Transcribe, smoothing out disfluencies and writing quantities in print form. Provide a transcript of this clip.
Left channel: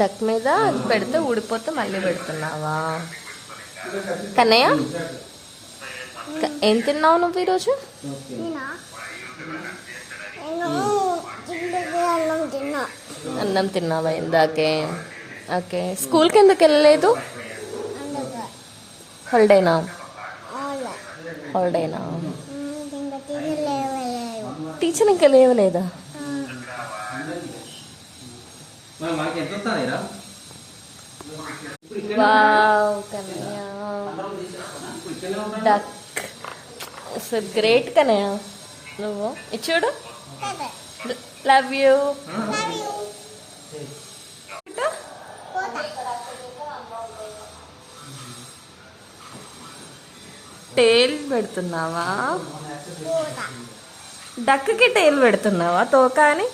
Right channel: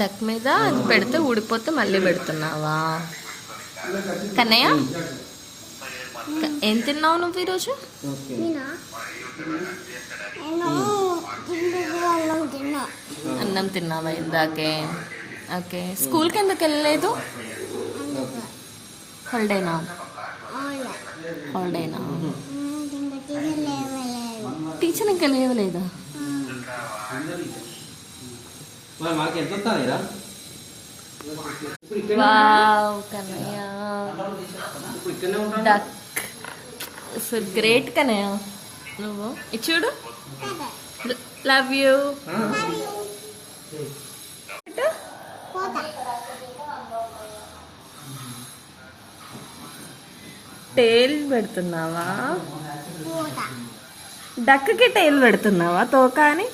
Duck మీద పెడితే ఊడిపోతే మళ్ళీ పెడుతున్నావా? కన్నయ్య ఏం తిన్నావు నువ్వు ఈరోజు? అన్నం తిన్నావా ఇందాకే? ఓకే. స్కూల్కి ఎందుకు వెళ్ళలేదు? హాలిడేనా? హాలిడేనా? టీచర్ ఇంకా లేవలేదా? Wow Kannayya, duck so great Kannayya. నువ్వు చూడు, లవ్ యూ. టేల్ పెడుతున్నావా? డక్కి టేల్ పెడుతున్నావా? తోక అని.